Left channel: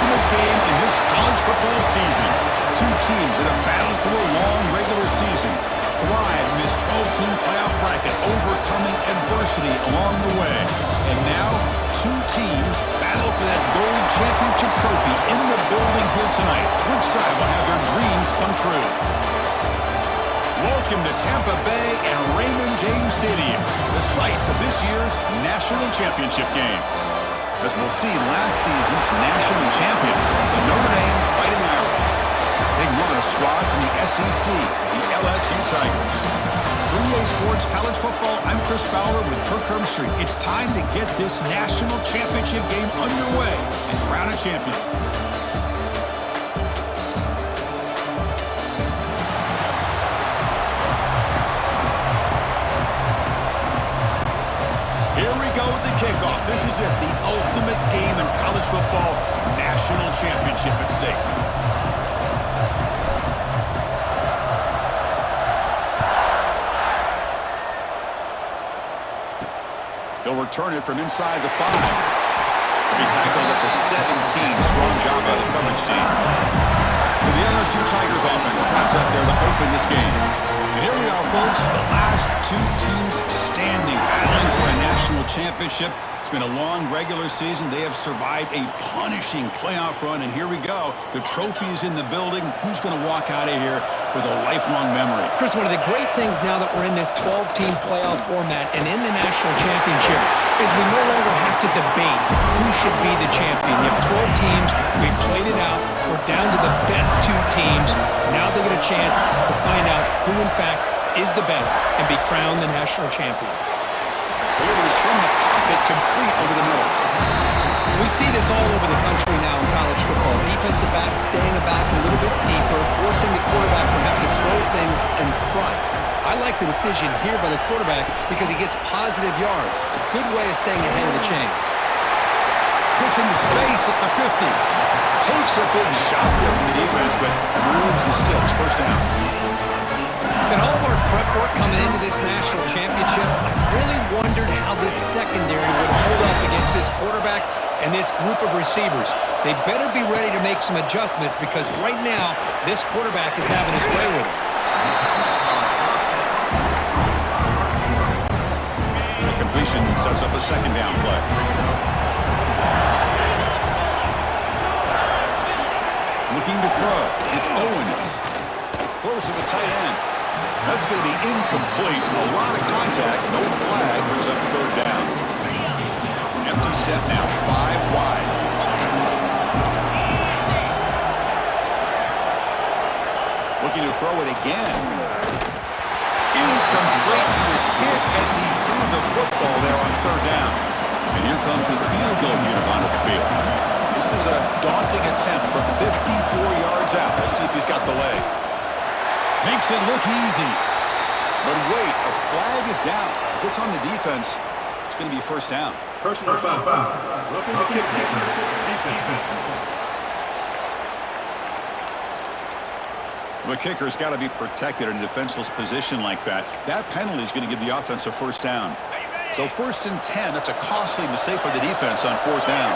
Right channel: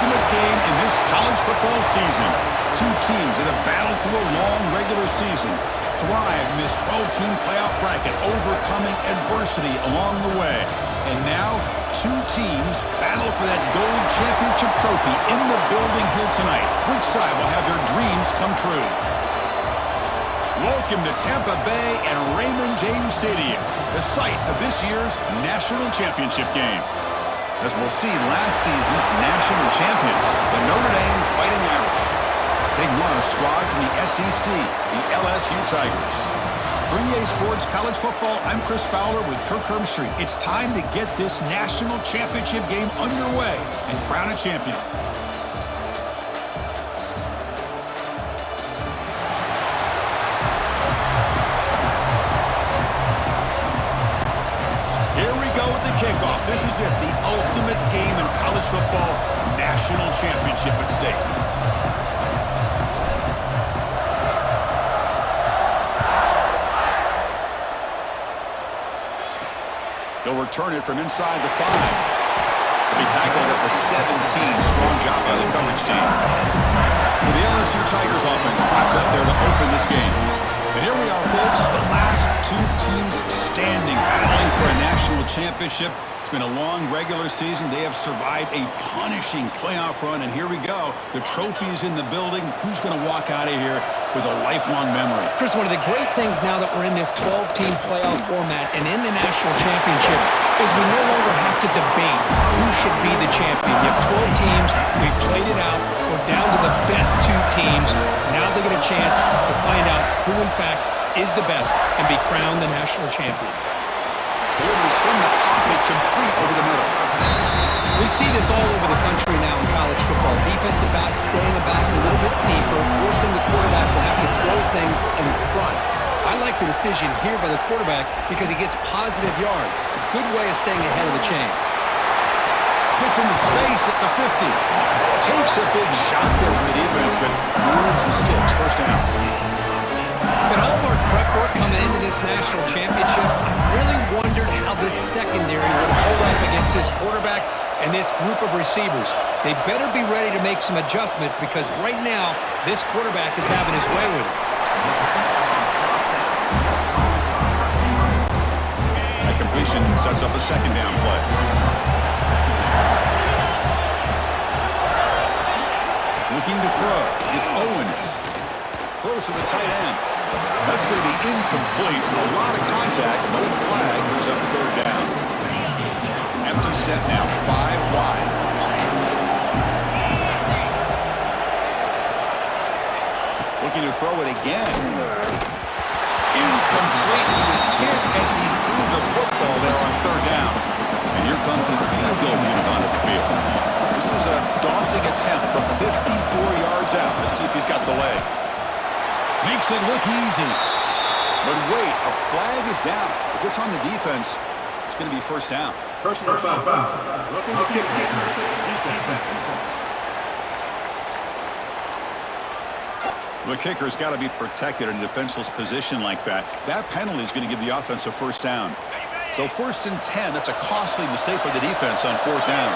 ultimate game in this college football season. Two teams that have battled through a long regular season, thrive in this 12-team playoff bracket, overcoming adversity along the way. And now, two teams battle for that gold championship trophy in the building here tonight. Which side will have their dreams come true? Welcome to Tampa Bay and Raymond James Stadium, the site of this year's national championship game. As we'll see, last season's national champions, the Notre Dame Fighting Irish, taking on a squad from the SEC, the LSU Tigers. For EA Sports College Football, I'm Chris Fowler with Kirk Herbstreit. It's time to get this national championship game underway and crown a champion. Here we go with the kickoff. This is it, the ultimate game in college football, national championship at stake. He'll return it from inside the 5. He'll be tackled at the 17. Strong job by the coverage team. For the LSU Tigers offense, trots out there to open this game. And here we are, folks, the last two teams standing, battling for a national championship. It's been a long regular season. They have survived a punishing playoff run, and here we go. The trophy is in the building. Who's going to walk out of here with a lifelong memory? Chris, one of the great things now that we're in this 12-team playoff format and in the national championship is we no longer have to debate who should be the champion. You have 12 teams. We've played it out. We're down to the best two teams. Now they get a chance to find out who, in fact, is the best and be crowned the national champion. Delivers from the pocket, complete over the middle. We see this all over the country now in college football. Defensive backs staying back a little bit deeper, forcing the quarterback to have to throw things in front. I like the decision here by the quarterback because he gets positive yards. It's a good way of staying ahead of the chains. Gets into space at the 50. Takes a big shot there from the defense, but moves the sticks. First down. In all of our prep work coming into this national championship, I really wondered how this secondary would hold up against this quarterback and this group of receivers. They better be ready to make some adjustments because right now, this quarterback is having his way with it. That completion sets up a second down play. Looking to throw. It's Owens. Throws to the tight end. That's going to be incomplete. A lot of contact. No flag. Brings up third down. Empty set now. 5 wide. Looking to throw it again. Incomplete. He was hit as he threw the football there on third down. And here comes the field goal unit onto the field. This is a daunting attempt from 54 yards out. Let's see if he's got the leg. Makes it look easy. But wait, a flag is down. If it's on the defense, it's going to be first down. Personal foul. Roughing the kicker. Defense. The kicker's got to be protected in a defenseless position like that. That penalty is going to give the offense a first down. So 1st and 10, that's a costly mistake by the defense on 4th down.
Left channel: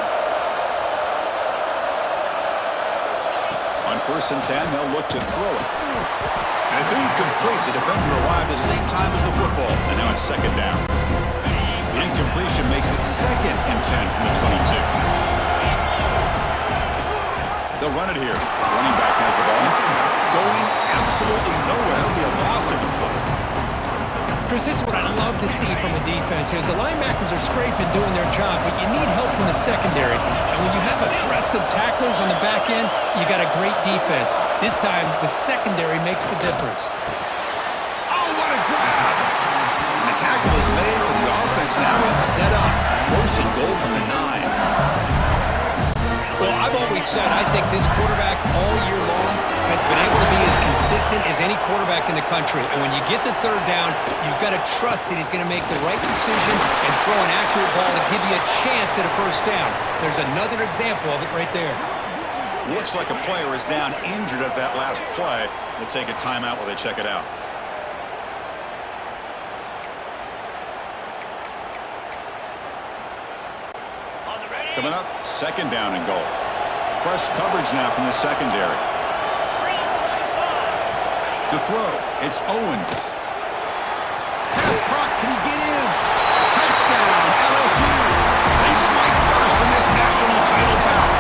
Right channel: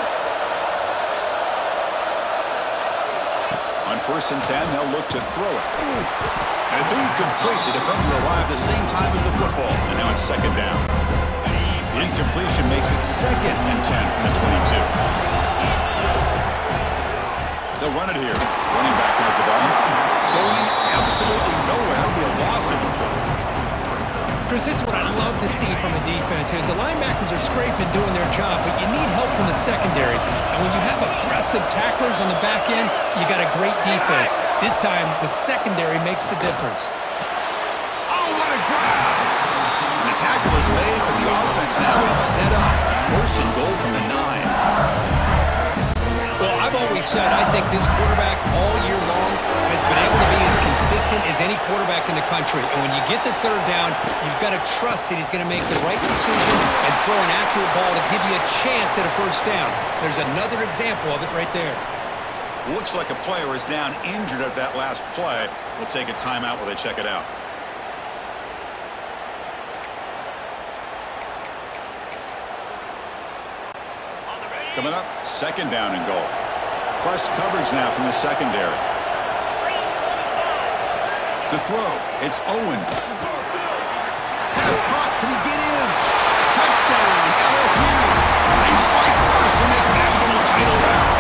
On 1st and 10, they'll look to throw it. And it's incomplete. The defender arrived the same time as the football. And now it's 2nd down. The incompletion makes it 2nd and 10 from the 22. They'll run it here. Running back has the ball. Going absolutely nowhere. That'll be a loss in the play. Chris, this is what I love to see from a defense is the linebackers are scraping, doing their job, but you need help from the secondary. And when you have aggressive tacklers on the back end, you got a great defense. This time, the secondary makes the difference. Oh, what a grab! And the tackle is made, but the offense now is set up. 1st and goal from the 9. Well, I've always said I think this quarterback all year long has been able to be as consistent as any quarterback in the country. And when you get the 3rd down, you've got to trust that he's going to make the right decision and throw an accurate ball to give you a chance at a first down. There's another example of it right there. Looks like a player is down injured at that last play. We'll take a timeout while they check it out. Coming up, 2nd down and goal. Press coverage now from the secondary. To throw, it's Owens. Pass caught. Can he get in? Touchdown, LSU. They strike first in this national title bout.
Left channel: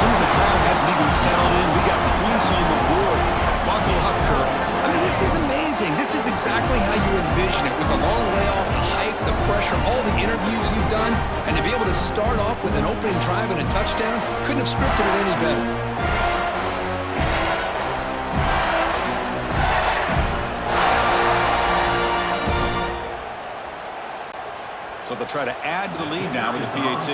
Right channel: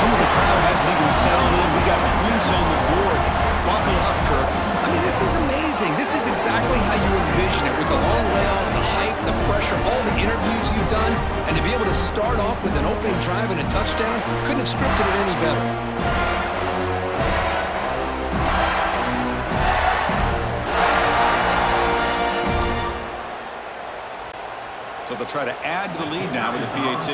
Some of the crowd hasn't even settled in. We got points on the board. Buckle up, Kirk. I mean, this is amazing. This is exactly how you envision it, with the long layoff, the hype, the pressure, all the interviews you've done, and to be able to start off with an opening drive and a touchdown, couldn't have scripted it any better. So they'll try to add to the lead now with the PAT.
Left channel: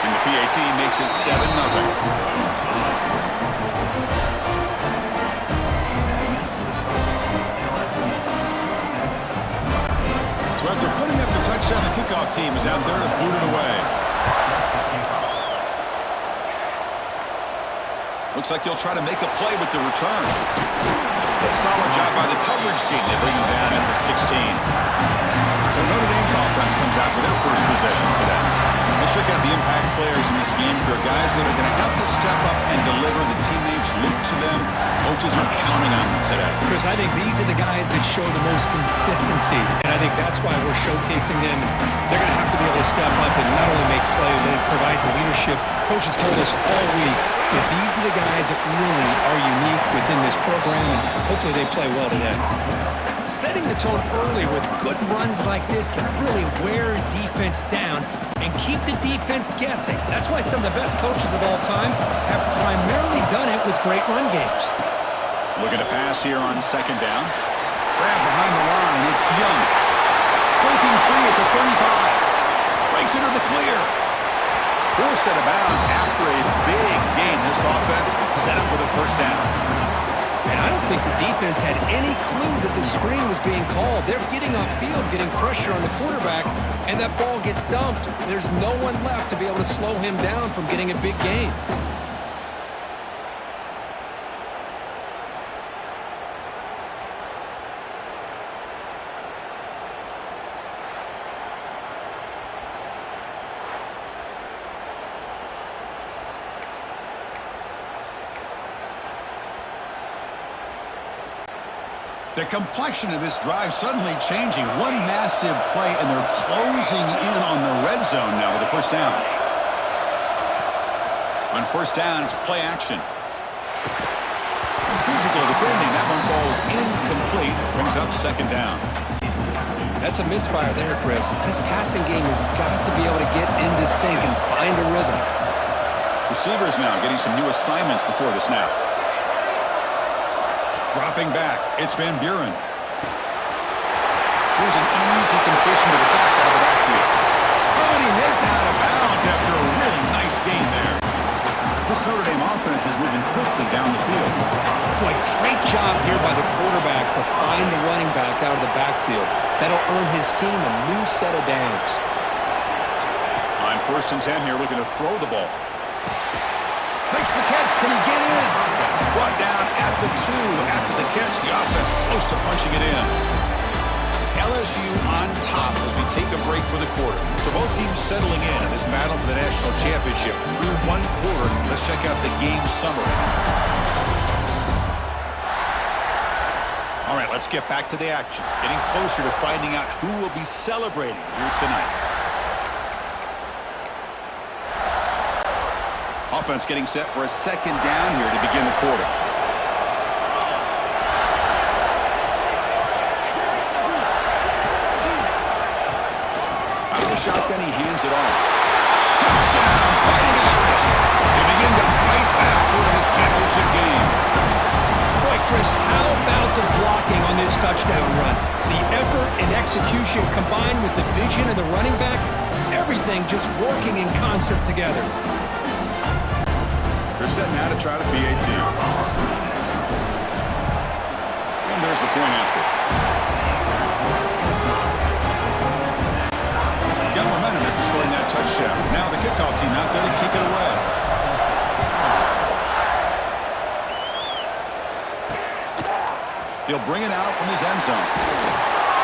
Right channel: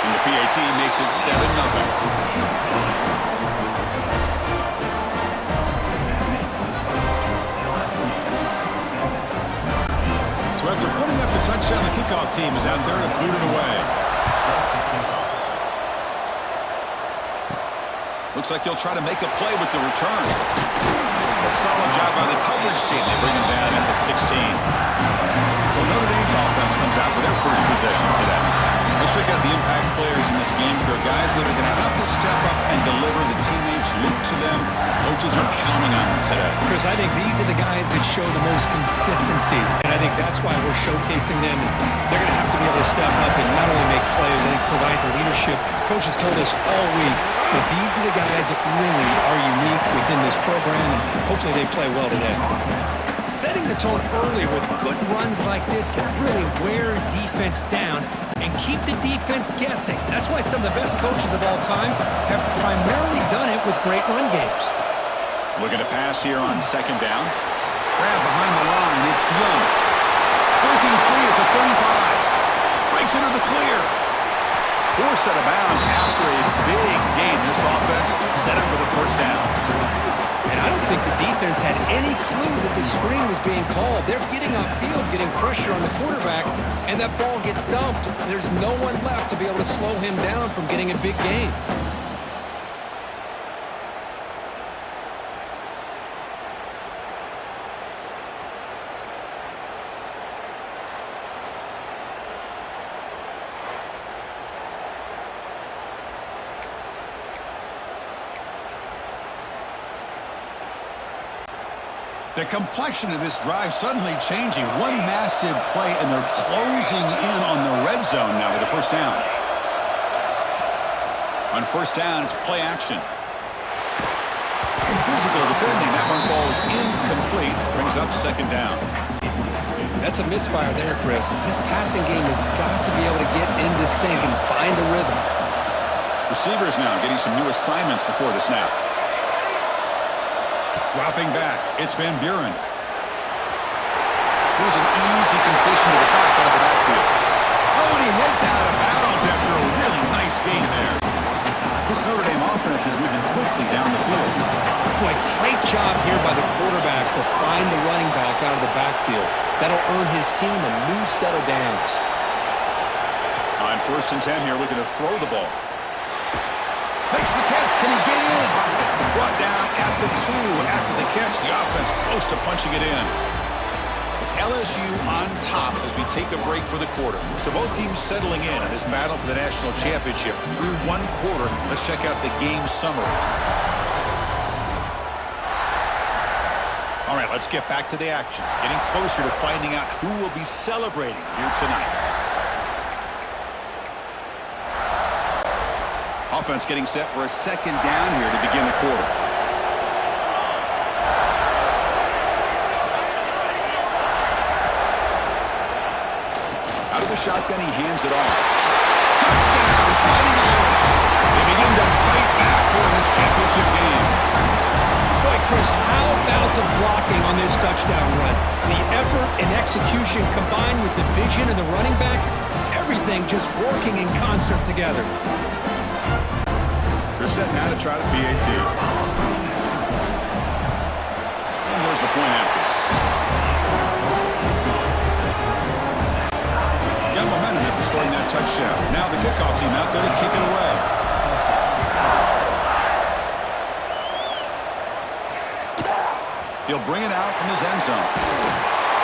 And the PAT makes it 7-0. So after putting up the touchdown, the kickoff team is out there to boot it away. Looks like he'll try to make a play with the return. Solid job by the coverage team. They bring him down at the 16. So Notre Dame's offense comes out for their first possession today. Let's check out the impact players in this game. There are guys that are going to have to step up and deliver. The teammates look to them. Coaches are counting on them today. Chris, I think these are the guys that show the most consistency, and I think that's why we're showcasing them. They're going to have to be able to step up and not only make plays, I think provide the leadership. Coaches told us all week that these are the guys that really are unique within this program, and hopefully they play well today. Setting the tone early with good runs like this can really wear a defense down and keep the defense guessing. That's why some of the best coaches of all time have primarily done it with great run games. Looking to pass here on second down. Grab behind the line. It's Young. Breaking free at the 35. Breaks into the clear. Forced out of bounds after a big gain. This offense set up with a first down. And I don't think the defense had any clue that the screen was being called. They're getting upfield, getting pressure on the quarterback, and that ball gets dumped. There's no one left to be able to slow him down from getting a big gain. The complexion of this drive suddenly changing. One massive play, and they're closing in on the red zone now with a first down. On first down, it's play action. Physical defending. That one falls incomplete. Brings up second down. That's a misfire there, Chris. This passing game has got to be able to get into sync and find a rhythm. Receivers now getting some new assignments before the snap. Dropping back, it's Van Buren. Here's an easy completion to the back out of the backfield. Oh, and he heads out of bounds after a really nice gain there. This Notre Dame offense is moving quickly down the field. Boy, great job here by the quarterback to find the running back out of the backfield. That'll earn his team a new set of downs. On 1st and 10 here, looking to throw the ball. Makes the catch. Can he get in? Brought down at the 2 after the catch. The offense close to punching it in. It's LSU on top as we take a break for the quarter. So both teams settling in this battle for the national championship. Through one quarter, let's check out the game summary. All right, let's get back to the action. Getting closer to finding out who will be celebrating here tonight. Offense getting set for a second down here to begin the quarter. Out of the shotgun, he hands it off. Touchdown, Fighting Irish. They begin to fight back here in this championship game. Boy, Chris, how about the blocking on this touchdown run? The effort and execution combined with the vision of the running back, everything just working in concert together. They're setting out to try the PAT. And there's the point after. Got momentum after scoring that touchdown. Now the kickoff team out there to kick it away. He'll bring it out from his end zone.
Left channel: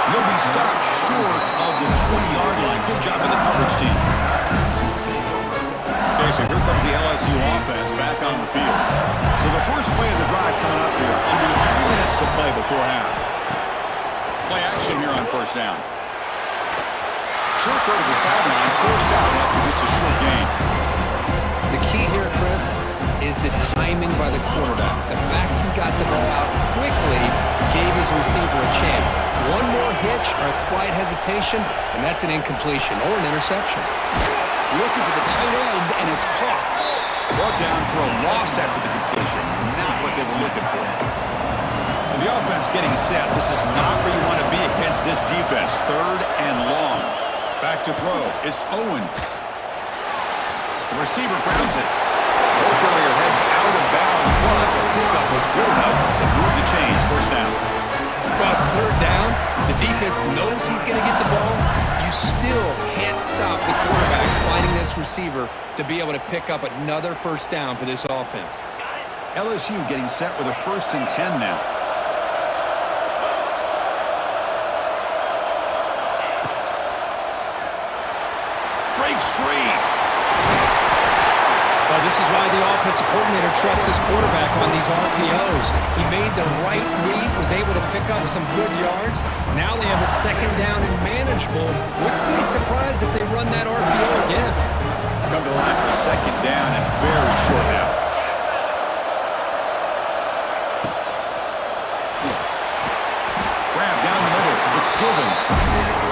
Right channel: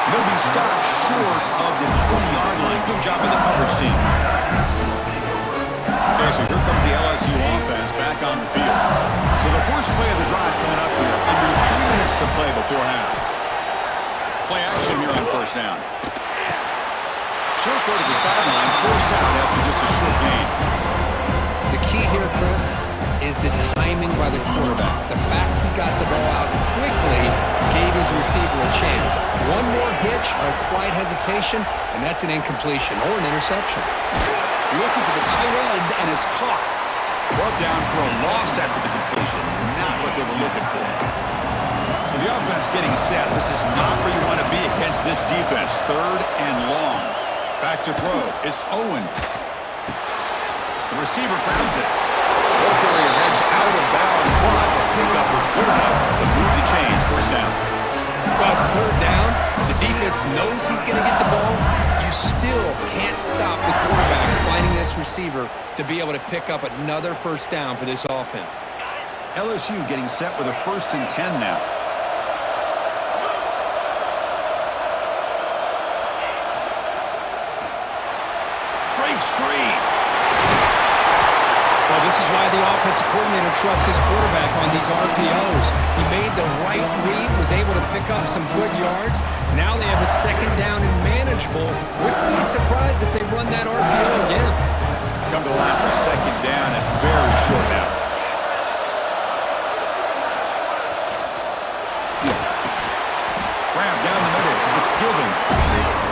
He'll be stopped short of the 20-yard line. Good Strong job of the coverage team. Okay, so here comes the LSU offense back on the field. So the first play of the drive coming up here. Under 3 minutes to play before half. Play action here on first down. Short throw to the sideline, forced out after just a short gain. The key here, Chris, is the timing by the quarterback. The fact he got the ball out quickly gave his receiver a chance. One more hitch or a slight hesitation, and that's an incompletion or an interception. Looking for the tight end, and it's caught. Brought down for a loss after the completion. Not what they were looking for. So the offense getting set. This is not where you want to be against this defense. 3rd and long. Back to throw. It's Owens. The receiver grabs it. Ball carrier heads out of bounds, but the pickup was good enough to move the chains. First down. Well, it's 3rd down. The defense knows he's going to get the ball. You still can't stop the quarterback finding this receiver to be able to pick up another first down for this offense. LSU getting set with a 1st and 10 now. Breaks free. Well, this is why the offensive coordinator trusts his quarterback on these RPOs. He made the right read, was able to pick up some good yards. Now they have a 2nd down and manageable. Wouldn't be surprised if they run that RPO again. Come to the line for 2nd down and very short now. Grab down the middle. It's Givens.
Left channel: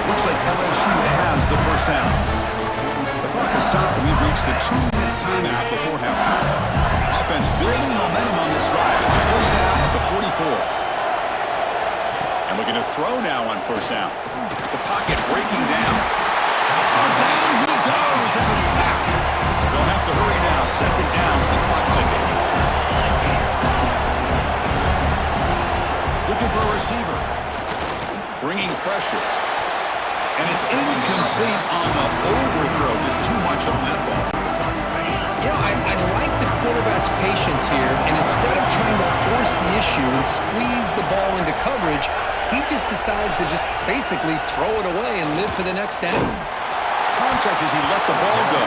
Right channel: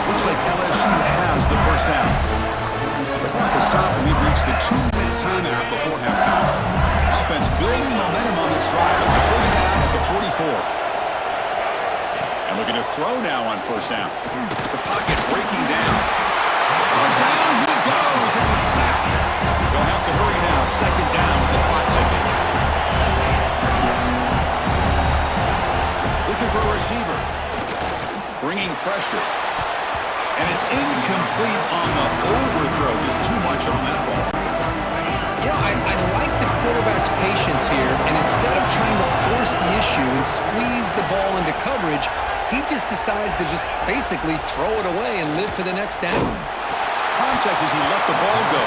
Looks like LSU has the first down. The clock has stopped, and we've reached the 2-minute timeout before halftime. Offense building momentum on this drive. It's a first down at the 44. And looking to throw now on first down. The pocket breaking down. Oh, down he goes. It's a sack. They'll have to hurry now. 2nd down with the clock ticking. Looking for a receiver. Bringing pressure. And it's incomplete on the overthrow. Just too much on that ball. You know, I like the quarterback's patience here, and instead of trying to force the issue and squeeze the ball into coverage, he just decides to just basically throw it away and live for the next down. Contact as he let the ball go.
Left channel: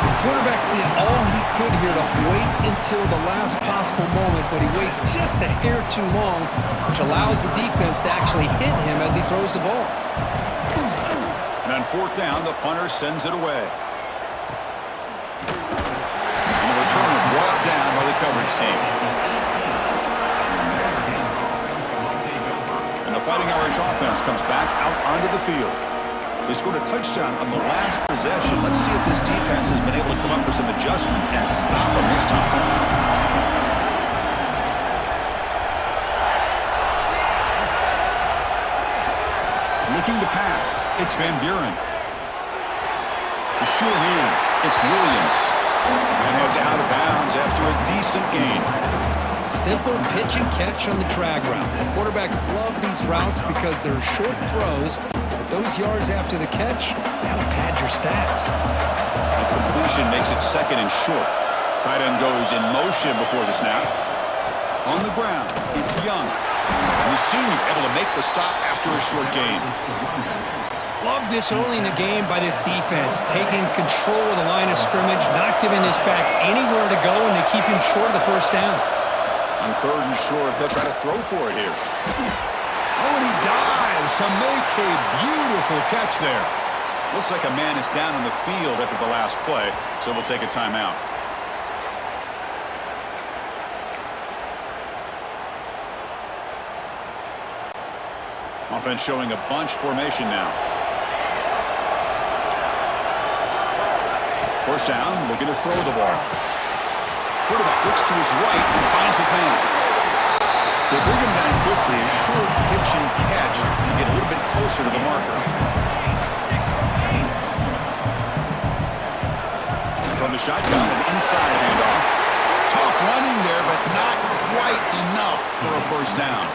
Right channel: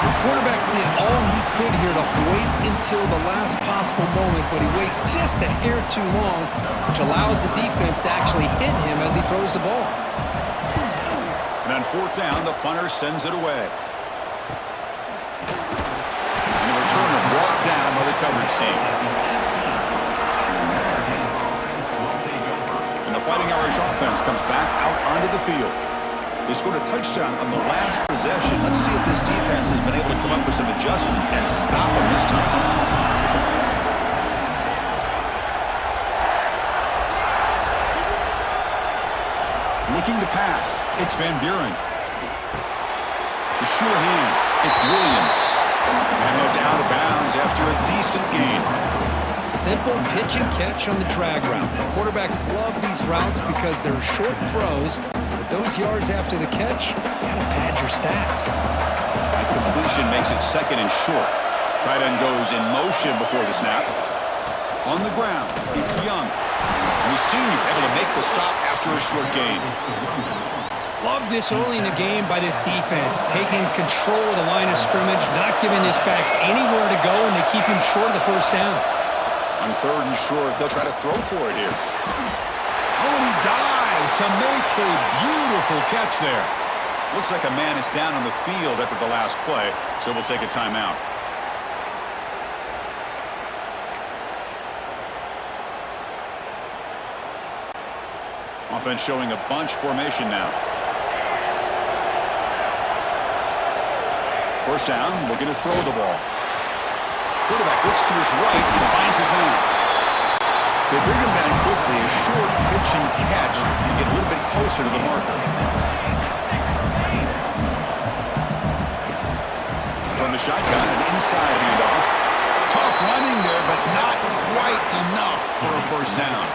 The quarterback did all he could here to wait until the last possible moment, but he waits just a hair too long, which allows the defense to actually hit him as he throws the ball. And on 4th down, the punter sends it away. And the returner brought down by the coverage team. And the Fighting Irish offense comes back out onto the field. They scored a touchdown on the last possession. Let's see if this defense has been able to come up with some adjustments and stop them this time. Looking to pass. It's Van Buren. The sure hands. It's Williams. And heads out of bounds after a decent gain. Simple pitch and catch on the drag route. Quarterbacks love these routes because they're short throws, but those yards after the catch gotta pad your stats. A completion makes it 2nd and short. Tight end goes in motion before the snap. On the ground, it's Young. And the senior able to make the stop after a short gain. Love this early in the game by this defense, taking control of the line of scrimmage, not giving this back anywhere to go, and they keep him short of the first down. On 3rd and short, they'll try to throw for it here. Oh, and he dives to make a beautiful catch there. Looks like a man is down on the field after the last play, so we'll take a timeout. Offense showing a bunch formation now. First down, looking to throw the ball. Quarterback looks to his right and finds his man. They bring him down quickly, a short pitch and catch to get a little bit closer to the marker. From the shotgun, an inside handoff. Tough running there, but not quite enough for a first down.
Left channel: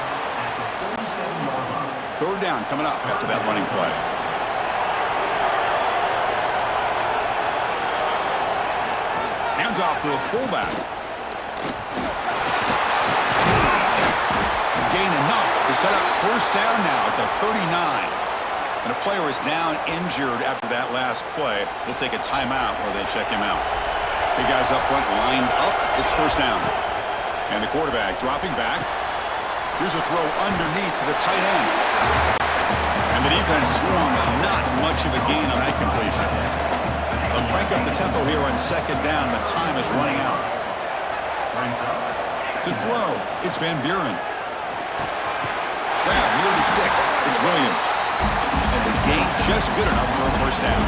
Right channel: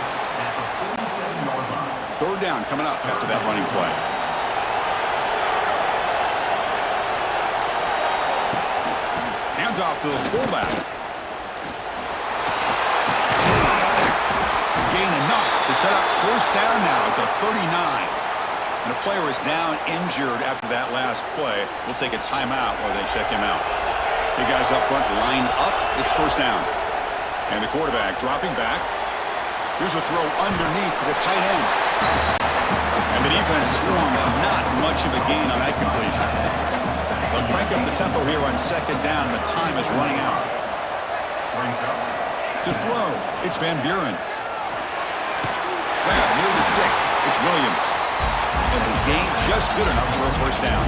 3rd down coming up after that running play. Hands off to the fullback. Gain enough to set up first down now at the 39. And a player is down injured after that last play. We'll take a timeout while they check him out. Big guys up front lined up. It's first down. And the quarterback dropping back. Here's a throw underneath to the tight end. And the defense swarms. Not much of a gain on that completion. They'll crank up the tempo here on second down. The time is running out. To throw, it's Van Buren. Grab near the sticks. It's Williams. And the gain just good enough for a first down.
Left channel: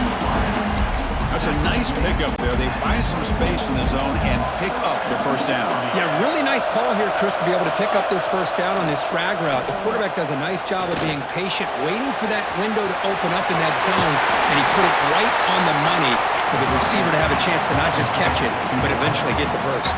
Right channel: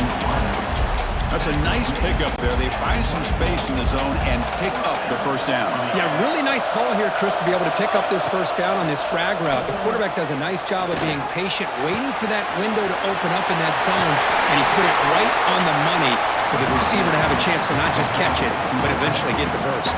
That's a nice pickup there. They find some space in the zone and pick up the first down. Yeah, really nice call here, Chris, to be able to pick up this first down on this drag route. The quarterback does a nice job of being patient, waiting for that window to open up in that zone, and he put it right on the money for the receiver to have a chance to not just catch it, but eventually get the first.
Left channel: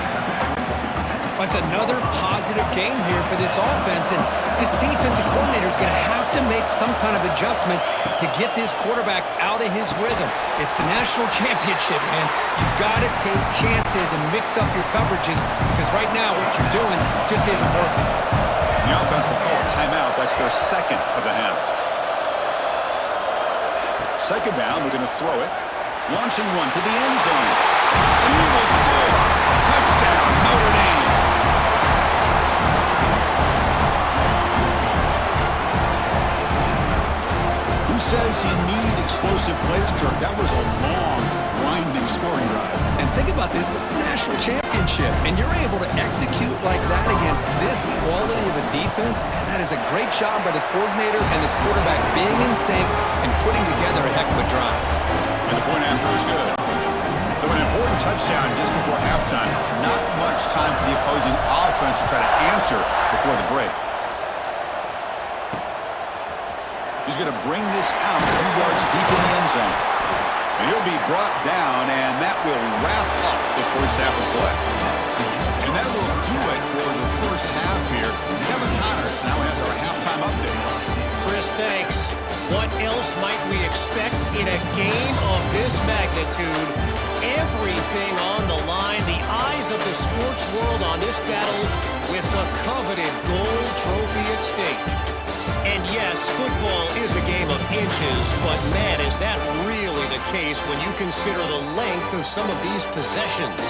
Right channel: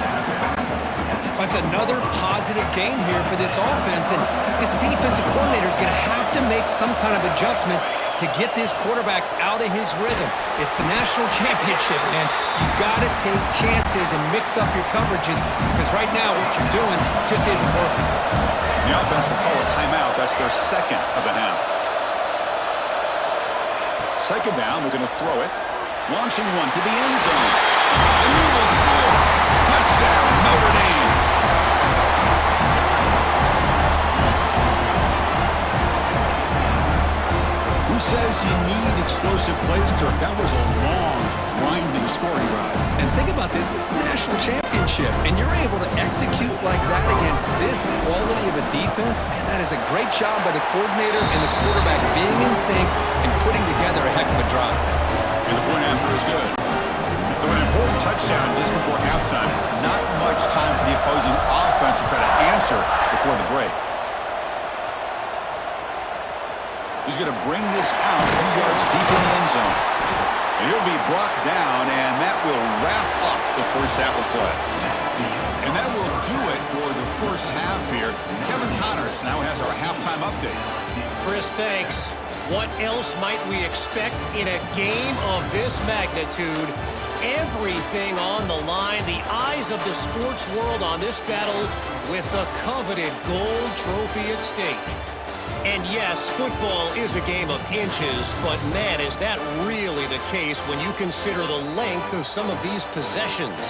That's another positive gain here for this offense, and this defensive coordinator is going to have to make some kind of adjustments to get this quarterback out of his rhythm. It's the national championship, man. You've got to take chances and mix up your coverages because right now what you're doing just isn't working. The offense will call a timeout. That's their second of the half. Second down, we're going to throw it. Launching one to the end zone. And he will score. Touchdown, Notre Dame. Who says you need explosive plays, Kirk? That was a long, grinding scoring drive. And think about this. This is a national championship, and you're able to execute like that against this quality of a defense. Man, that is a great job by the coordinator and the quarterback being in sync and putting together a heck of a drive. And the point after is good. So an important touchdown just before halftime. Not much time for the opposing offense to try to answer before the break. He's going to bring this out a few yards deep in the end zone. And he'll be brought down, and that will wrap up the first half of play. And that will do it for the first half here. Kevin Connors now has our halftime update. Chris, thanks. What else might we expect in a game of this magnitude? Everything on the line, the eyes of the sports world on this battle with the coveted gold trophy at stake. And yes, football is a game of inches, but man, is that really the case when you consider the length of some of these possessions.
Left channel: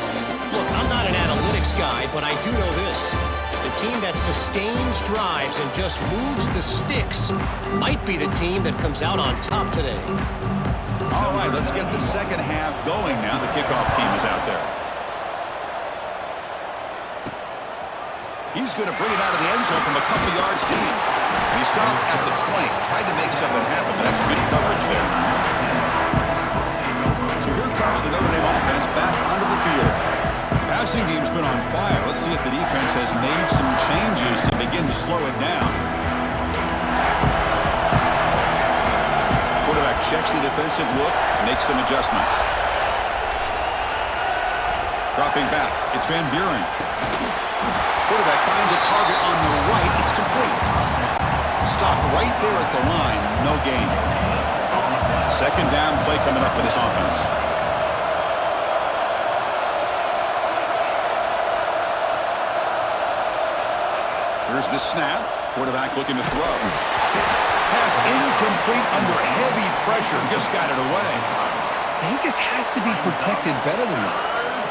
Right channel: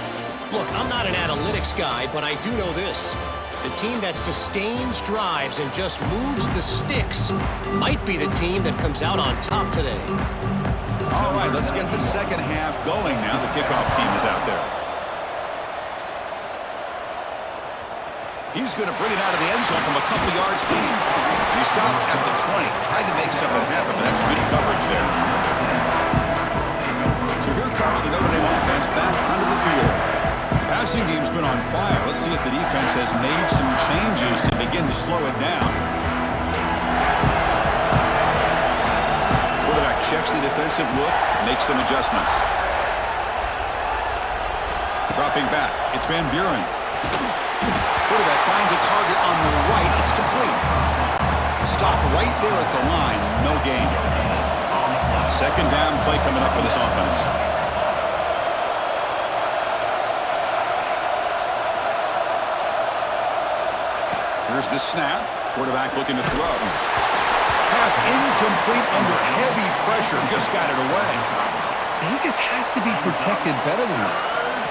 Look, I'm not an analytics guy, but I do know this. The team that sustains drives and just moves the sticks might be the team that comes out on top today. All right, let's get the second half going now. The kickoff team is out there. He's going to bring it out of the end zone from a couple yards deep. And he stopped at the 20. Tried to make something happen, but that's good coverage there. So here comes the Notre Dame offense back onto the field. The passing team's been on fire. Let's see if the defense has made some changes to begin to slow it down. Quarterback checks the defensive look, makes some adjustments. Dropping back, it's Van Buren. Quarterback finds a target on the right. It's complete. Stop right there at the line. No gain. Second down play coming up for this offense. Here's the snap. Quarterback looking to throw. Pass incomplete under heavy pressure. Just got it away. He just has to be protected better than that.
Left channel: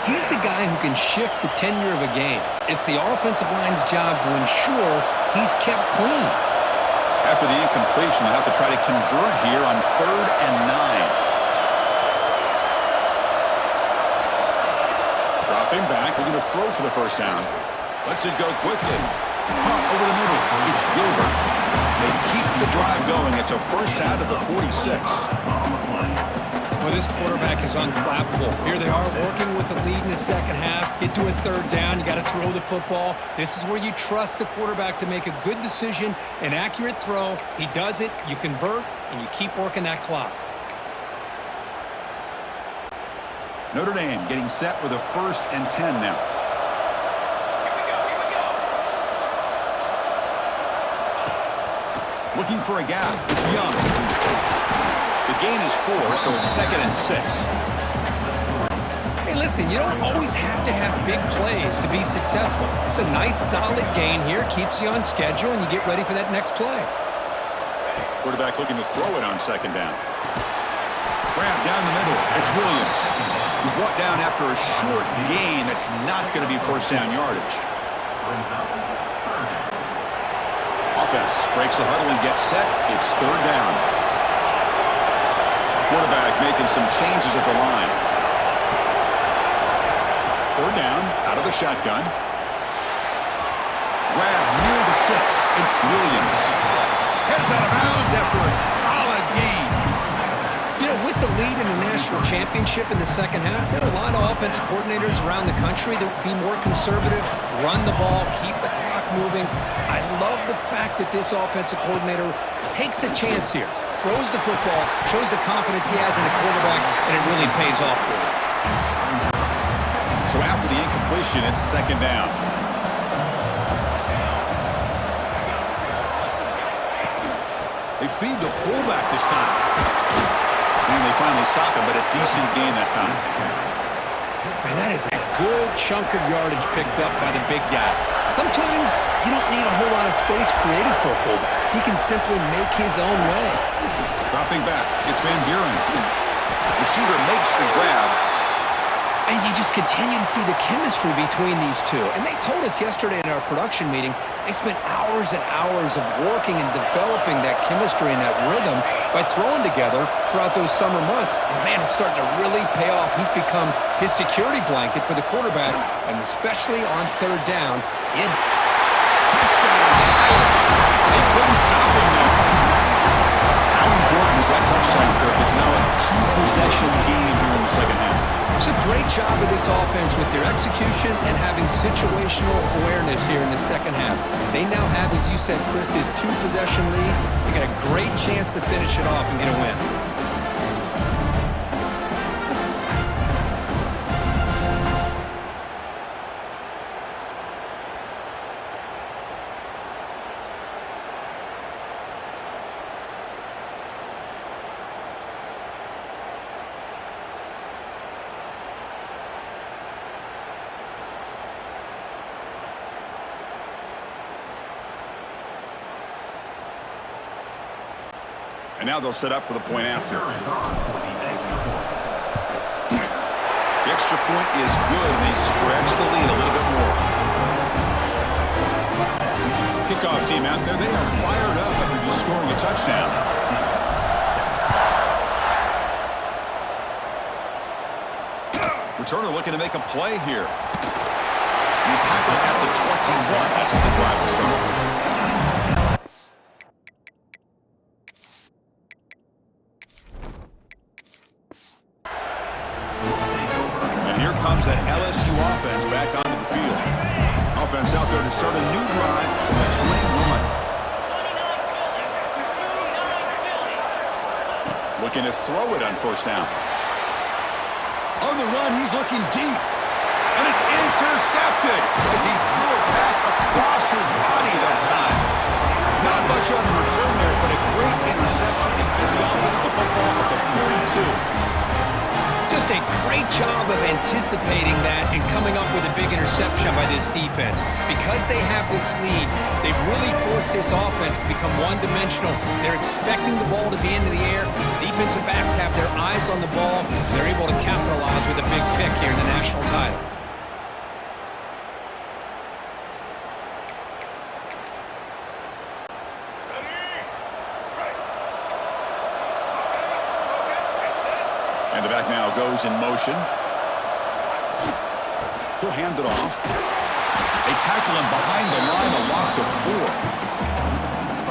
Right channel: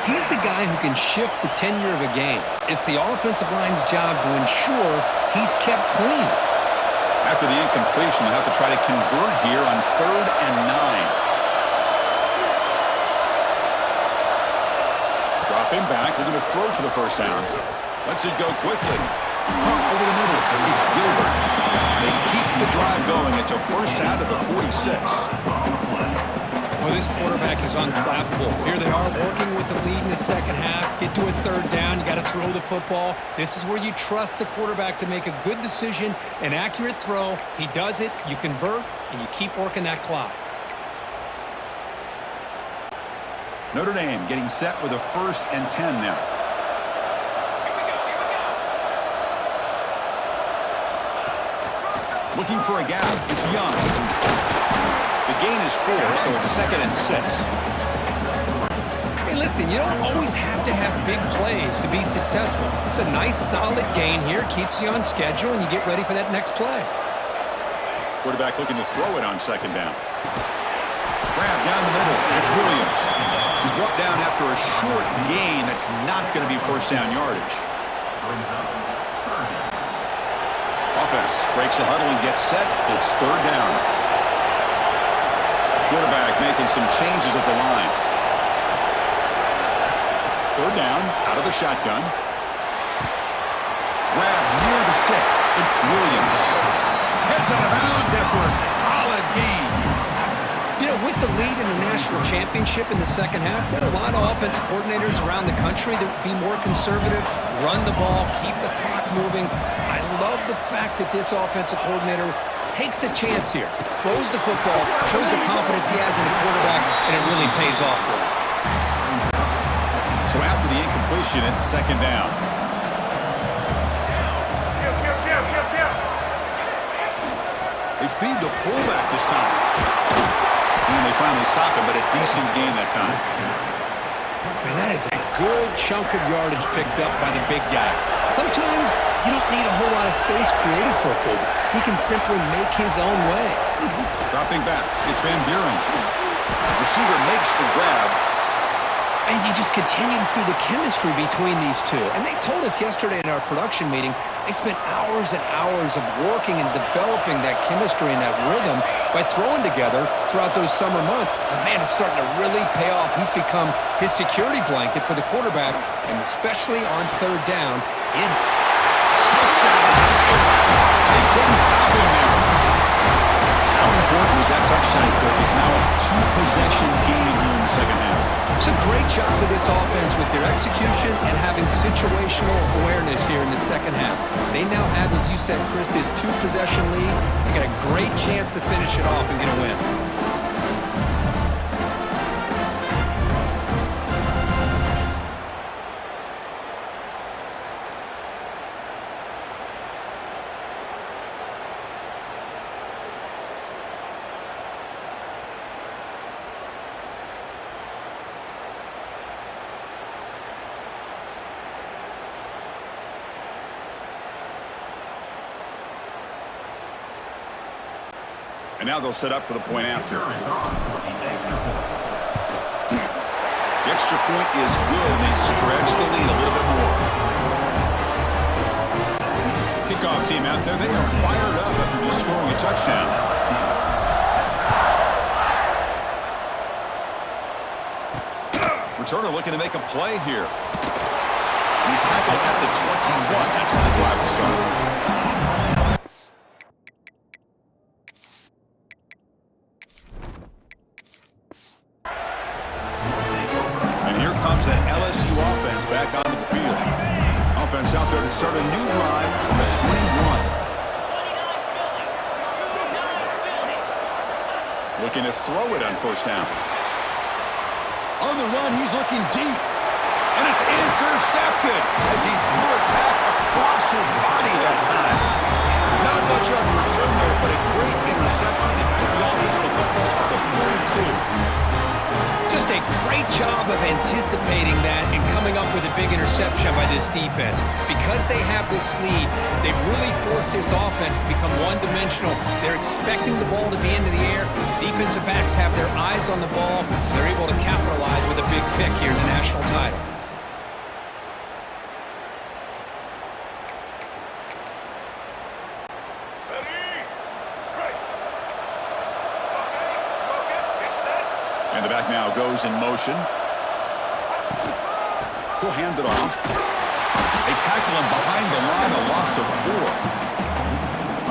He's the guy who can shift the tenure of a game. It's the offensive line's job to ensure he's kept clean. After the incompletion, they'll have to try to convert here on 3rd and 9. Dropping back, looking to throw for the first down. Lets it go quickly. Punt over the middle. It's Gilbert. They keep the drive going. It's a first out of the 46. Well, this quarterback is unflappable. Here they are working with the lead in the second half. Get to a third down. You got to throw the football. This is where you trust the quarterback to make a good decision, an accurate throw. He does it, you convert, and you keep working that clock. Notre Dame getting set with a 1st and 10 now. Looking for a gap. It's Young. The gain is 4, so it's 2nd and 6. Hey, listen, you don't always have to have big plays to be successful. It's a nice, solid gain here. Keeps you on schedule, and you get ready for that next play. Quarterback looking to throw it on second down. Grab down the middle. It's Williams. He's brought down after a short gain that's not going to be first down yardage. Offense breaks the huddle and gets set. It's third down. Quarterback making some changes at the line. Third down, out of the shotgun. Grab near the sticks. It's Williams. Heads out of bounds after a solid gain. You know, with the lead in the national championship in the second half, there are a lot of offensive coordinators around the country that would be more conservative, run the ball, keep the clock moving. I love the fact that this offensive coordinator takes a chance here, throws the football, shows the confidence he has in a quarterback, and it really pays off for him. So after the incompletion, it's second down. They feed the fullback this time. And they finally stop him, but a decent gain that time. Man, that is a good chunk of yardage picked up by the big guy. Sometimes you don't need a whole lot of space created for a fullback. He can simply make his own way. Dropping back, it's Van Buren. Receiver makes the grab. And you just continue to see the chemistry between these two. And they told us yesterday in our production meeting, they spent hours and hours of working and developing that chemistry and that rhythm by throwing together throughout those summer months. And man, it's starting to really pay off. He's become his security blanket for the quarterback, and especially on third down. Touchdown, Irish. They couldn't stop him there. How important was that touchdown, Kirk? It's now a two-possession game here in the second half. It's a great job of this offense with their execution and having situational awareness here in the second half. They now have, as you said, Chris, this two-possession lead. They got a great chance to finish it off and get a win. And now they'll set up for the point after. The extra point is good. They stretch the lead a little bit more. Kickoff team out there. They are fired up after just scoring a touchdown. Returner looking to make a play here. He's tackled at the 21. That's where the drive will start. Comes that LSU offense back onto the field. Offense out there to start a new drive from the 21. Looking to throw it on first down. On the run, he's looking deep. And it's intercepted as he threw it back across his body that time. Not much on the return there, but a great interception to give the offense the football at the 42. Just a great job of anticipating that and coming up with a big interception by this defense. Because they have this lead, they've really forced this offense to become one-dimensional. They're expecting the ball to be into the air. The defensive backs have their eyes on the ball, and they're able to capitalize with a big pick here in the national title. And the back now goes in motion. He'll hand it off. They tackle him behind the line, a loss of 4.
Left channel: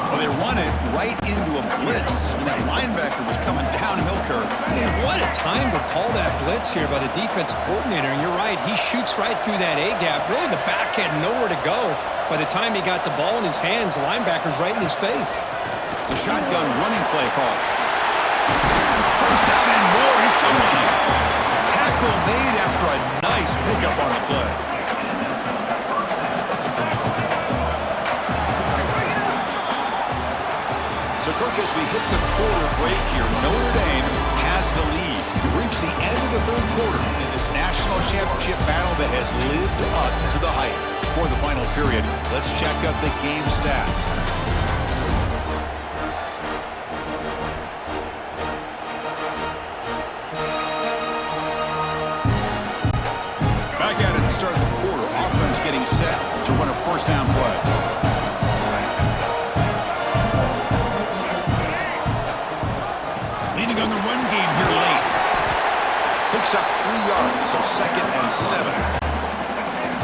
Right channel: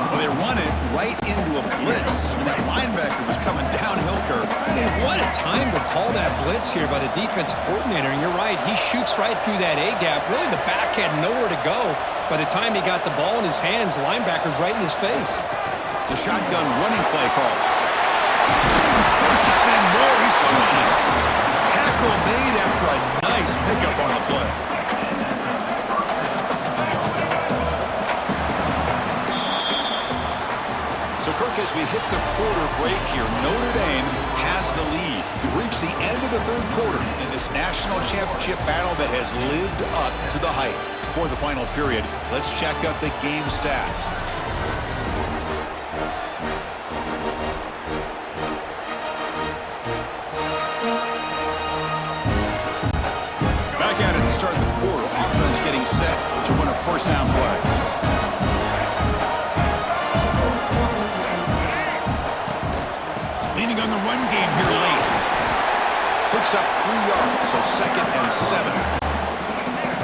Well, they run it right into a blitz, and that linebacker was coming downhill, Kirk. Man, what a time to call that blitz here by the defensive coordinator. And you're right, he shoots right through that A-gap. Really, the back had nowhere to go. By the time he got the ball in his hands, the linebacker's right in his face. The shotgun running play call. First down and more. He's still running. Tackle made after a nice pickup on the play. So, Kirk, as we hit the quarter break here, Notre Dame has the lead. We've reached the end of the third quarter in this national championship battle that has lived up to the hype. For the final period, let's check out the game stats. Back at it to start the quarter. Offense getting set to run a first down play. Leaning on the run game here late. Picks up 3 yards, so 2nd and 7.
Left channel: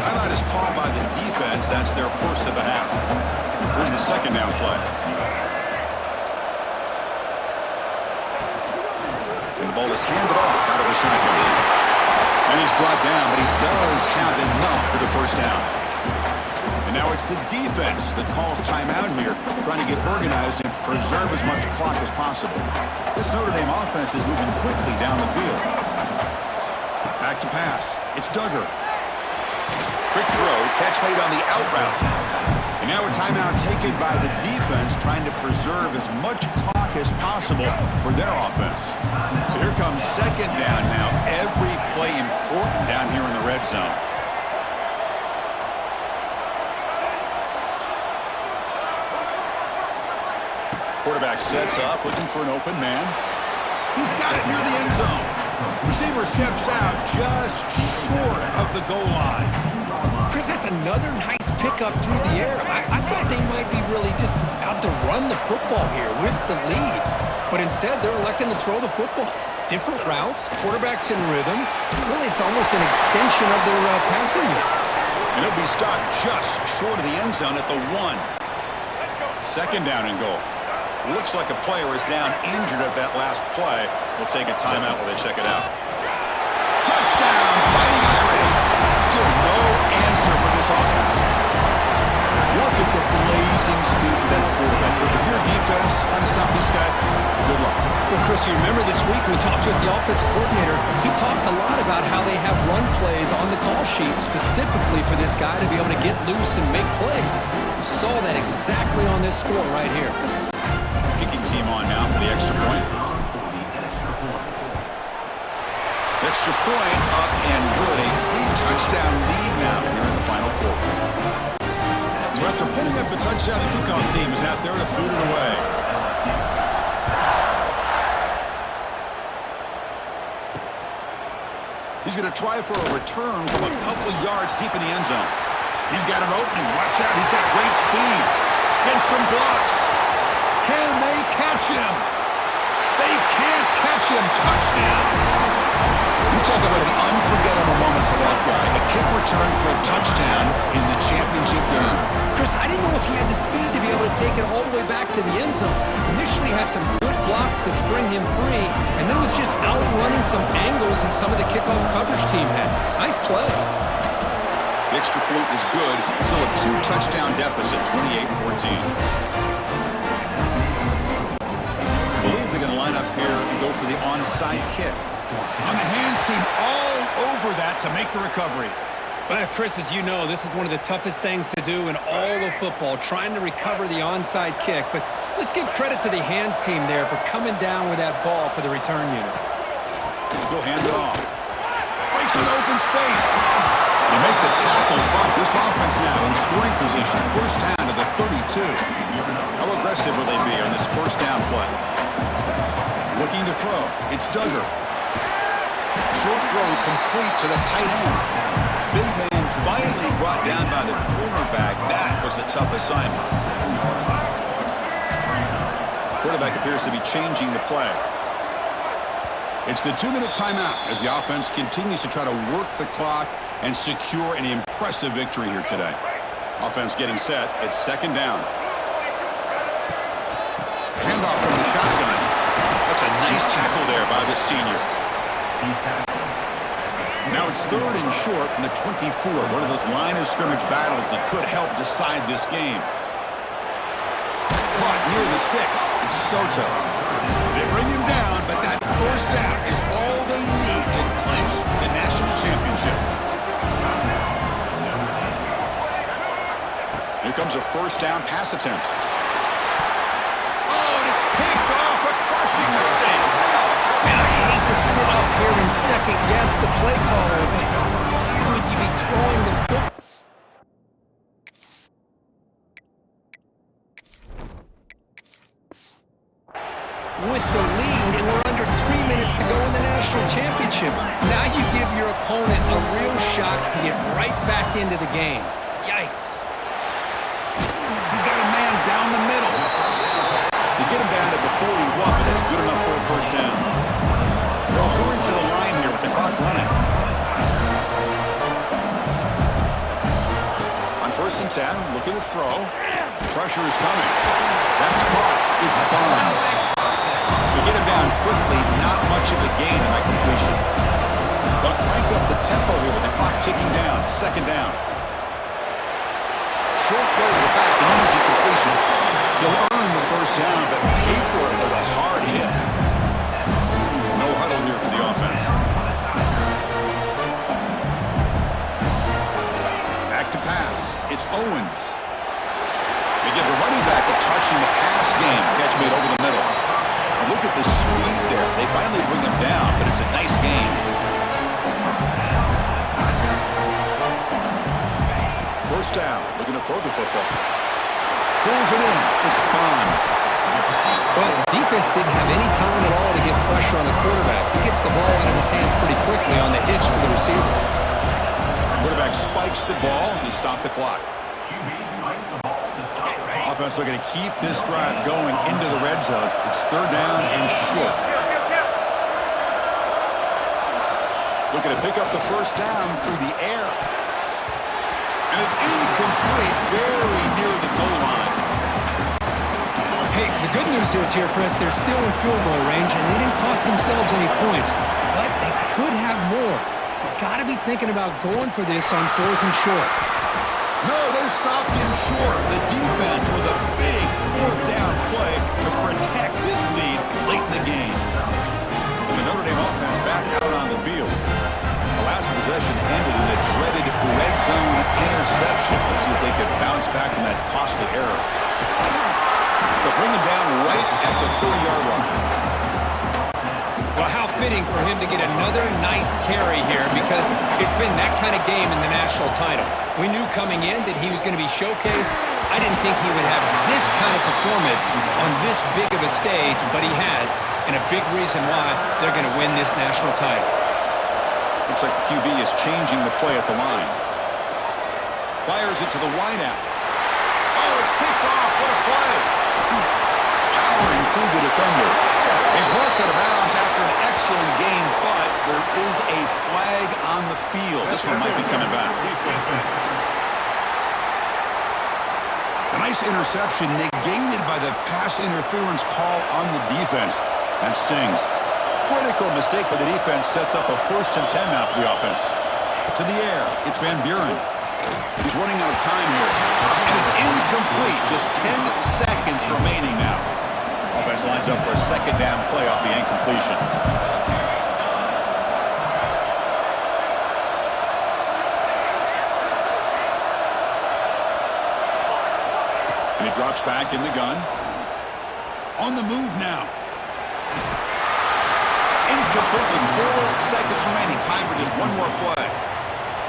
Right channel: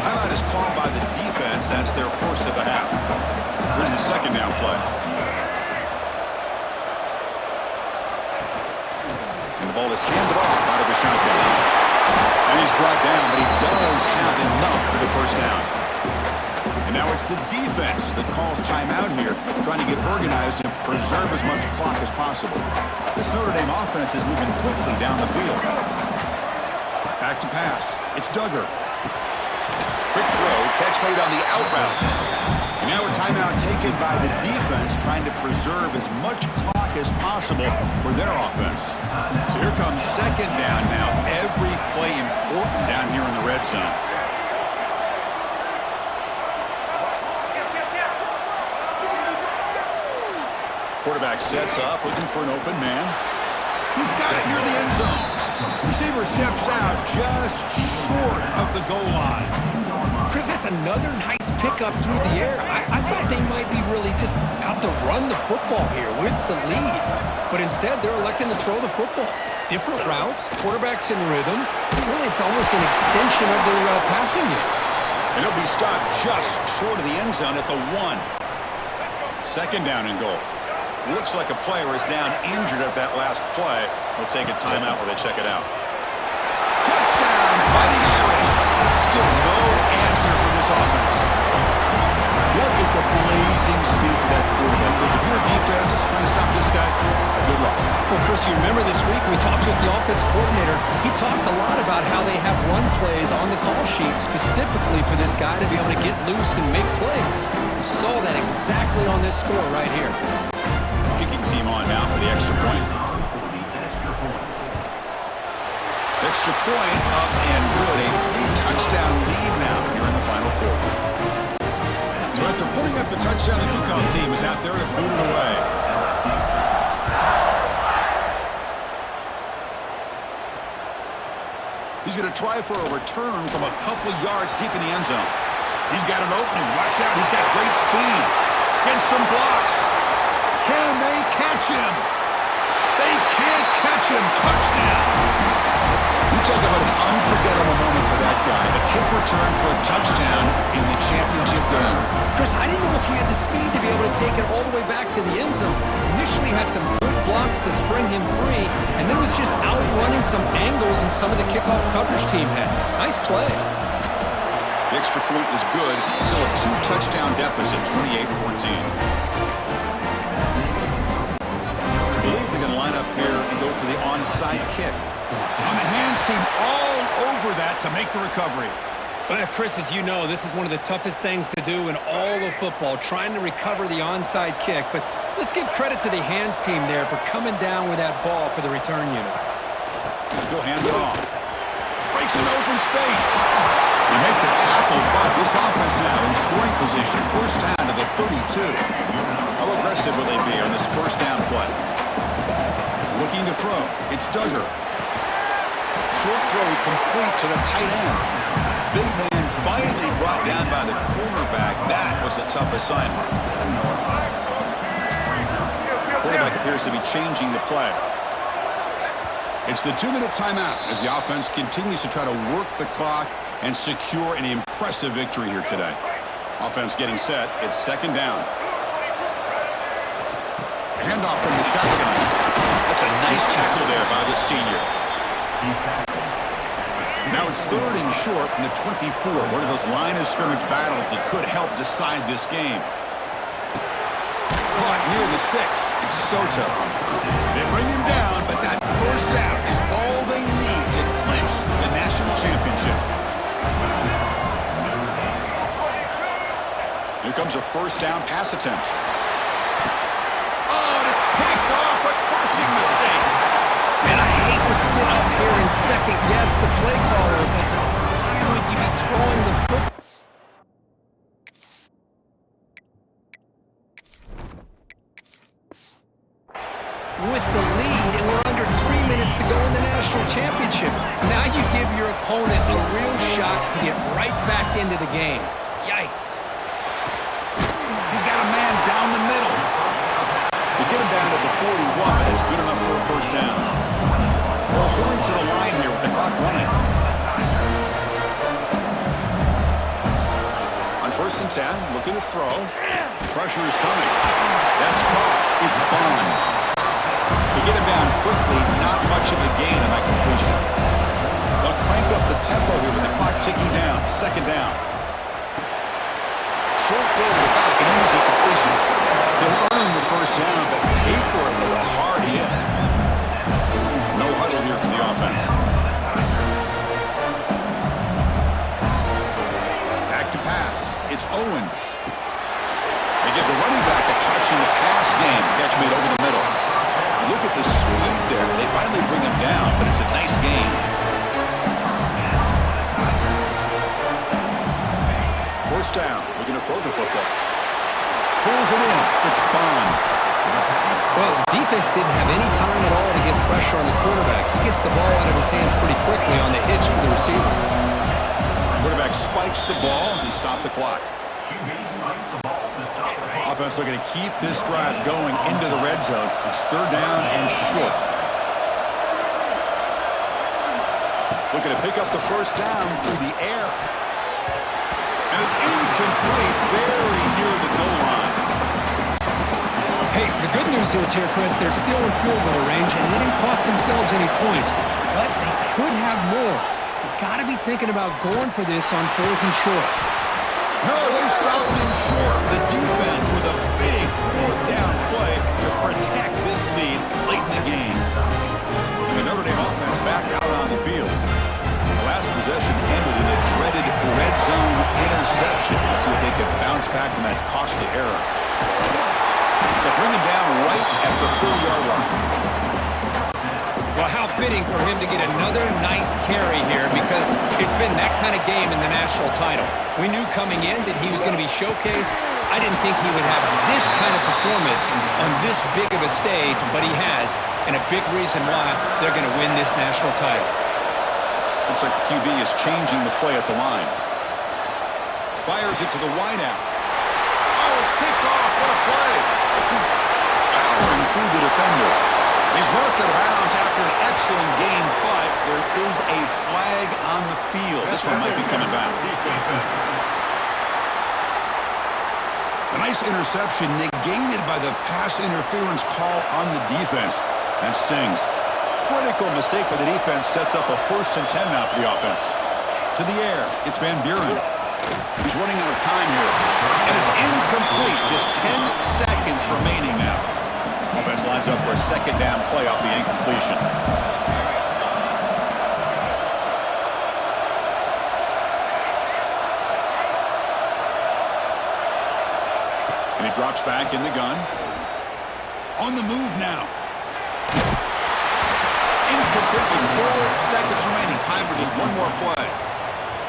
Timeout is called by the defense. That's their first of the half. Here's the second down play. And the ball is handed off out of the shotgun. And he's brought down, but he does have enough for the first down. And now it's the defense that calls timeout here, trying to get organized and preserve as much clock as possible. This Notre Dame offense is moving quickly down the field. Back to pass. It's Duggar. Quick throw, catch made on the out route. And now a timeout taken by the defense, trying to preserve as much clock as possible for their offense. So here comes second down now. Every play important down here in the red zone. Quarterback sets up, looking for an open man. He's got it near the end zone. Receiver steps out just short of the goal line. Chris, that's another nice pickup through the air. I thought they might be really just out to run the football here with the lead. But instead, they're electing to throw the football. Different routes, quarterbacks in rhythm. Really, it's almost an extension of their passing unit. And he'll be stopped just short of the end zone at the 1. Second down and goal. Looks like a player is down injured at that last play. We'll take a timeout while they check it out. Touchdown, Fighting Irish. Still no answer for this offense. Look at the blazing speed for that quarterback. If you're a defense trying to stop this guy, good luck. Well, Chris, you remember this week we talked with the offensive coordinator. He talked a lot about how they have run plays on the call sheet specifically for this guy to be able to get loose and make plays. We saw that exactly on this score right here. Kicking team on now for the extra point. Extra point up and good. A 3-touchdown lead now here in the final quarter. So after putting up a touchdown, the kickoff team is out there to boot it away. He's going to try for a return from a couple of yards deep in the end zone. He's got an opening. Watch out. He's got great speed. Gets some blocks. Can they catch him? They can't catch him. Touchdown. You talk about an unforgettable moment for that guy. A kick return for a touchdown in the championship game. Chris, I didn't know if he had the speed to be able to take it all the way back to the end zone. Initially had some good blocks to spring him free, and then was just outrunning some angles that some of the kickoff coverage team had. Nice play. The extra point is good. Still a 2-touchdown deficit, 28-14. I believe they're going to line up here and go for the onside kick. On the hands team all over that to make the recovery. Chris, as you know, this is one of the toughest things to do in all of football, trying to recover the onside kick. But let's give credit to the hands team there for coming down with that ball for the return unit. He'll hand it off. Breaks an open space. They make the tackle, but this offense now in scoring position. First down to the 32. How aggressive will they be on this first down play? Looking to throw. It's Duggar. Short throw complete to the tight end. Big man finally brought down by the cornerback. That was a tough assignment. Quarterback appears to be changing the play. It's the 2-minute timeout as the offense continues to try to work the clock and secure an impressive victory here today. Offense getting set. It's second down. Handoff from the shotgun. That's a nice tackle there by the senior. Now it's third and short from the 24. One of those line of scrimmage battles that could help decide this game. Caught near the sticks. It's Soto. They bring him down, but that first down is all they need to clinch the national championship. Here comes a first down pass attempt. Oh, and it's picked off. A crushing mistake. Man, I hate to sit up here and second-guess the play caller, but why would you be throwing the football? With the lead, and we're under 3 minutes to go in the national championship. Now you give your opponent a real shot to get right back into the game. Yikes. He's got a man down the middle. They get him down at the 41, but it's good enough for a first down. They'll hurry to the line here with the clock running. On 1st and 10, looking to throw. Pressure is coming. That's caught. It's Bond. They get him down quickly, not much of a gain on that completion. They'll crank up the tempo here with the clock ticking down. 2nd down. Short goal to the back, an easy completion. He'll earn the first down, but pay for it with a hard hit. No huddle here for the offense. Back to pass. It's Owens. They give the running back a touch in the pass game. Catch made over the middle. And look at the speed there. They finally bring him down, but it's a nice gain. First down. Looking to throw the football. Pulls it in. It's Bond. Well, defense didn't have any time at all to get pressure on the quarterback. He gets the ball out of his hands pretty quickly on the hitch to the receiver. Quarterback spikes the ball to stop the clock. Offense looking to keep this drive going into the red zone. It's 3rd down and short. Looking to pick up the first down through the air. And it's incomplete, very near the goal line. Hey, the good news is here, Chris, they're still in field goal range, and they didn't cost themselves any points. But they could have more. You've got to be thinking about going for this on 4th and short. No, they've stopped him short. The defense with a big 4th down play to protect this lead late in the game. And the Notre Dame offense back out on the field. The last possession ended in a dreaded red zone interception. Let's see if they can bounce back from that costly error. They'll bring him down right at the 30-yard line. Well, how fitting for him to get another nice carry here, because it's been that kind of game in the national title. We knew coming in that he was going to be showcased. I didn't think he would have this kind of performance on this big of a stage, but he has, and a big reason why they're going to win this national title. Looks like the QB is changing the play at the line. Fires it to the wideout. Oh, it's picked off. What a play. Powering through the defender. He's marked out of bounds after an excellent game, but there is a flag on the field. This one might be coming back. A nice interception negated by the pass interference call on the defense. That stings. Critical mistake by the defense sets up a 1st and 10 now for the offense. To the air, it's Van Buren. He's running out of time here. And it's incomplete. Just 10 seconds remaining now. Offense lines up for a 2nd down play off the incompletion. And he drops back in the gun. On the move now. Incomplete with 4 seconds remaining. Time for just one more play.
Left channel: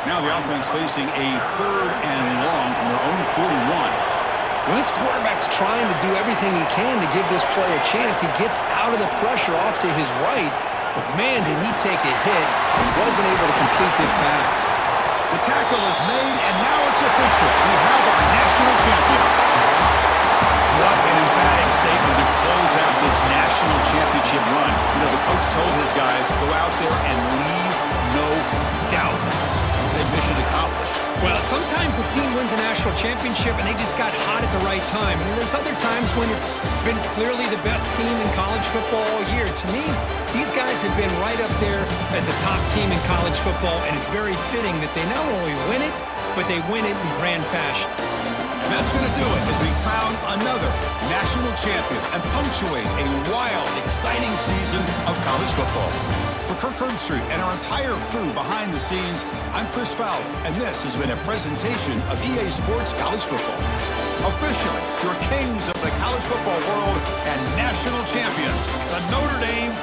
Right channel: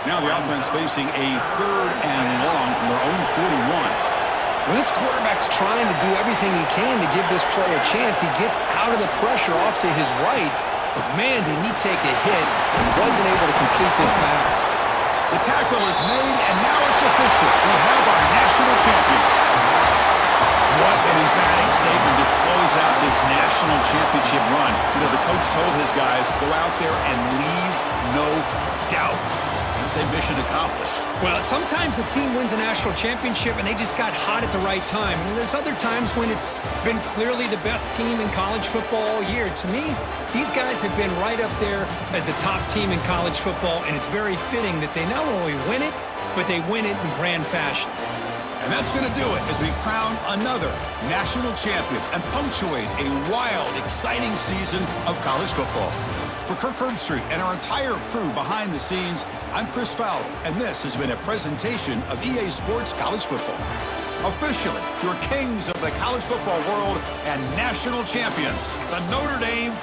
Now the offense facing a 3rd and long from their own 41. Well, this quarterback's trying to do everything he can to give this play a chance. He gets out of the pressure off to his right, but man, did he take a hit and wasn't able to complete this pass. The tackle is made, and now it's official. We have our national champions. What an emphatic statement to close out this national championship run. You know, the coach told his guys, go out there and leave no doubt. Say mission accomplished. Well, sometimes a team wins a national championship and they just got hot at the right time. And there's other times when it's been clearly the best team in college football all year. To me, these guys have been right up there as the top team in college football, and it's very fitting that they not only win it, but they win it in grand fashion. And that's going to do it as we crown another national champion and punctuate a wild, exciting season of college football. For Kirk Herbstreit and our entire crew behind the scenes, I'm Chris Fowler, and this has been a presentation of EA Sports College Football. Officially, your kings of the college football world and national champions, the Notre Dame